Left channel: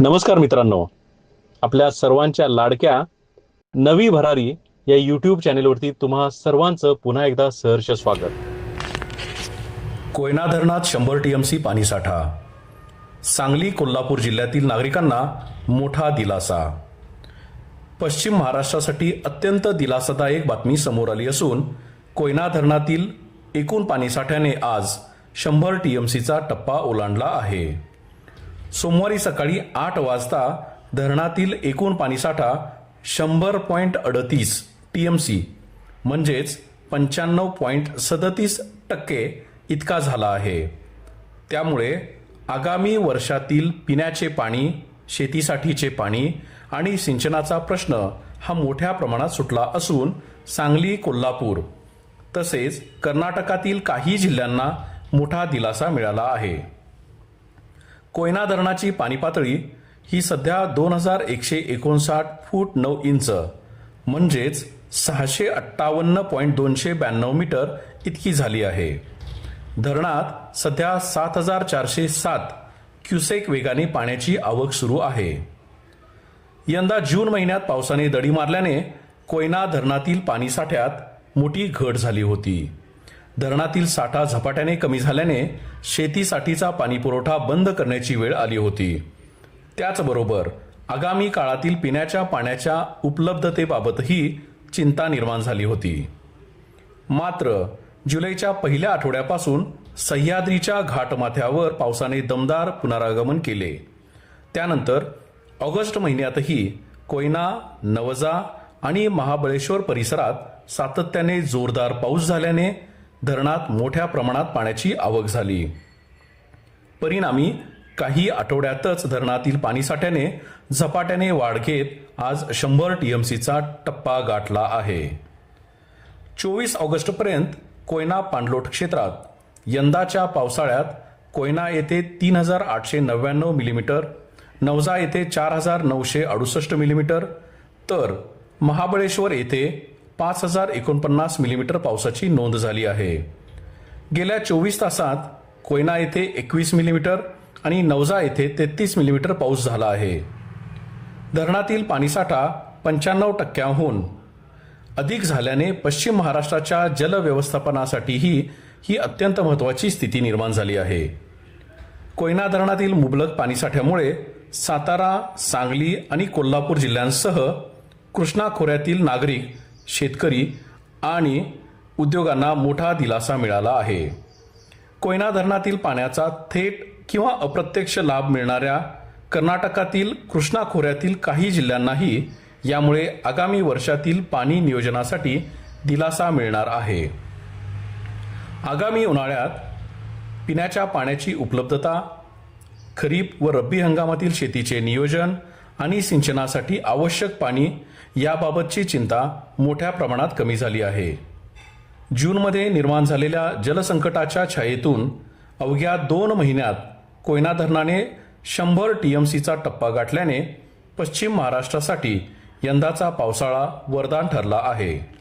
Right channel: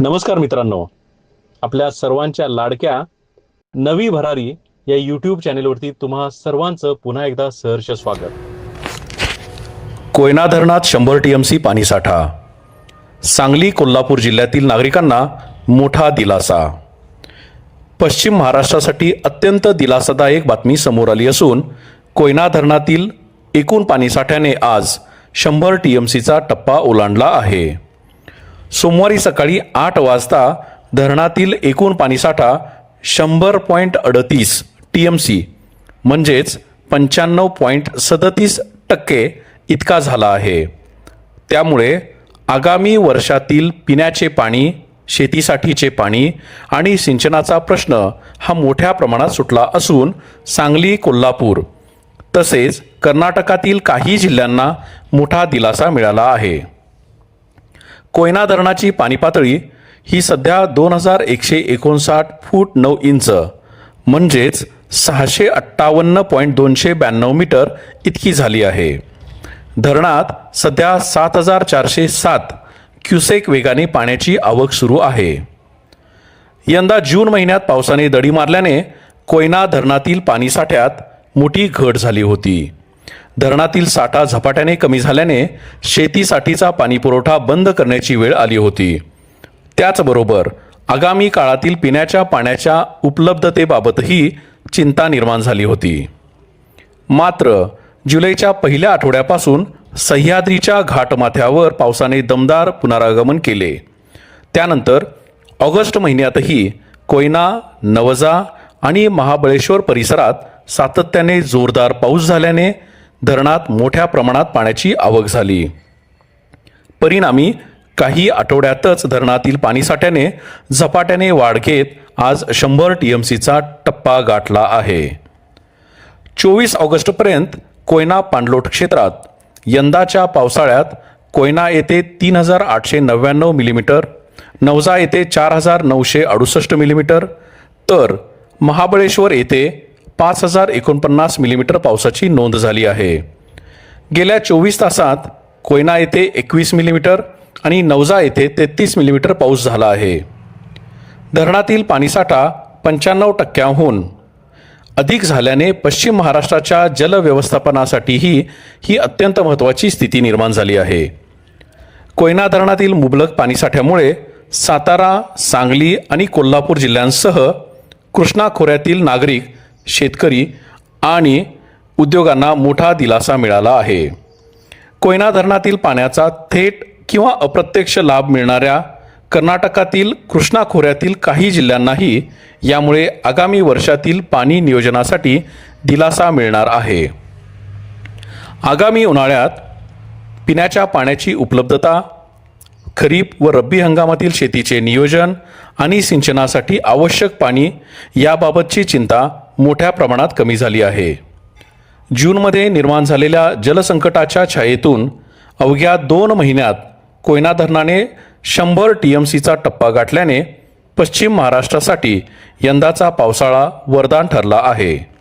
नमस्कार मित्रांनो, आपल्या सर्वांच्या लाडक्या नवी भरारी या यूट्यूब चॅनेलवरती तुम्हा सर्वांचं पुन्हा एकदा सहर्ष स्वागत. कोयना धरणात 100 टीएमसी पाणीसाठा. सांगली कोल्हापूर जिल्ह्यातील नागरिकांना मोठा दिलासा. पश्चिम महाराष्ट्रासाठी अत्यंत दिलासादायक बातमी समोर आली असून कोयना धरणातील एकूण पाणीसाठ्याने आज 100 टीएमसीचा टप्पा ओलांडला आहे. सोमवारी सकाळी 8 वाजता धरणातील एकूण पाणीसाठा 100.38 टीएमसी म्हणजेच 95.37% इतका झाला आहे. त्यामुळे आगामी वर्षातील पिण्याचे पाणी, शेतीसाठीचे पाणी आणि सिंचनाचा प्रश्न हा मोठ्या प्रमाणात सुटला असून सांगली, कोल्हापूर तसेच कर्नाटकातील काही जिल्ह्यांना मोठा दिलासा मिळाला आहे. कोयना धरणाची पाणी पातळी ही सध्या 2159 फूट 9 इंच म्हणजेच 658.292 मीटर इतकी झाली आहे. धरणात सध्या 7407 क्युसेक वेगाने पाण्याची आवक सुरू आहे. यंदा जून महिन्यात पावसाने दडी मारल्याने कोयना धरणातील पाणीसाठ्यात मोठी घट झाली होती. धरणातील साठा झपाट्याने कमी झाल्याने शेतीसाठीचा पाणीपुरवठा बंद करण्याची वेळ आली होती. त्याचबरोबर आगामी काळातील पिण्याच्या पाण्याच्या उपलब्धतेबाबतही चिंता निर्माण झाली होती. मात्र जुलैच्या पहिल्या आठवड्यापासून सह्याद्रीच्या घाटमाथ्यावर पावसाने दमदार पुनरागमन केले. त्यानंतर ऑगस्ट महिन्यातही कोयना, नवजा आणि महाबळेश्वर परिसरात सातत्याने जोरदार पाऊस झाल्याने धरणात मोठ्या प्रमाणात पाण्याची आवक झाली. परिणामी काही आठवड्यातच धरणातील पाणीसाठ्याने झपाट्याने वाढ घेत आज 100 टीएमसीचा टप्पा गाठला आहे. 24 ऑगस्टपर्यंत कोयना पाणलोट क्षेत्रात यंदाच्या पावसाळ्यात कोयना येथे 3899 मिलीमीटर, नवजा येथे 4968 मिलीमीटर तर महाबळेश्वर येथे 5049 मिलीमीटर पावसाची नोंद झाली आहे. गेल्या 24 तासात कोयना येथे 21 मिलीमीटर आणि नवजा येथे 33 मिलीमीटर पाऊस झाला आहे. धरणातील पाणीसाठा 95%हून अधिक झाल्याने पश्चिम महाराष्ट्राच्या जलव्यवस्थापनासाठीही ही अत्यंत महत्त्वाची स्थिती निर्माण झाली आहे. कोयना धरणातील मुबलक पाणीसाठ्यामुळे सातारा, सांगली आणि कोल्हापूर जिल्ह्यांसह कृष्णा खोऱ्यातील नागरिक, शेतकरी आणि उद्योगांना मोठा दिलासा मिळाला आहे. कोयना धरणातील पाण्याचा थेट किंवा अप्रत्यक्ष लाभ मिळणाऱ्या कर्नाटकातील कृष्णा खोऱ्यातील काही जिल्ह्यांनाही यामुळे आगामी वर्षातील पाणी नियोजनासाठी दिलासा मिळणार आहे. आगामी उन्हाळ्यात पिण्याच्या पाण्याची उपलब्धता, खरीप व रब्बी हंगामातील शेतीचे नियोजन आणि सिंचनासाठी आवश्यक पाणी याबाबतची चिंता मोठ्या प्रमाणात कमी झाली आहे. जूनमध्ये निर्माण झालेल्या जलसंकटाच्या छायेतून अवघ्या 2 महिन्यात कोयना धरणाने 100 टीएमसीचा टप्पा गाठल्याने पश्चिम महाराष्ट्रासाठी यंदाचा पावसाळा वरदान ठरला आहे.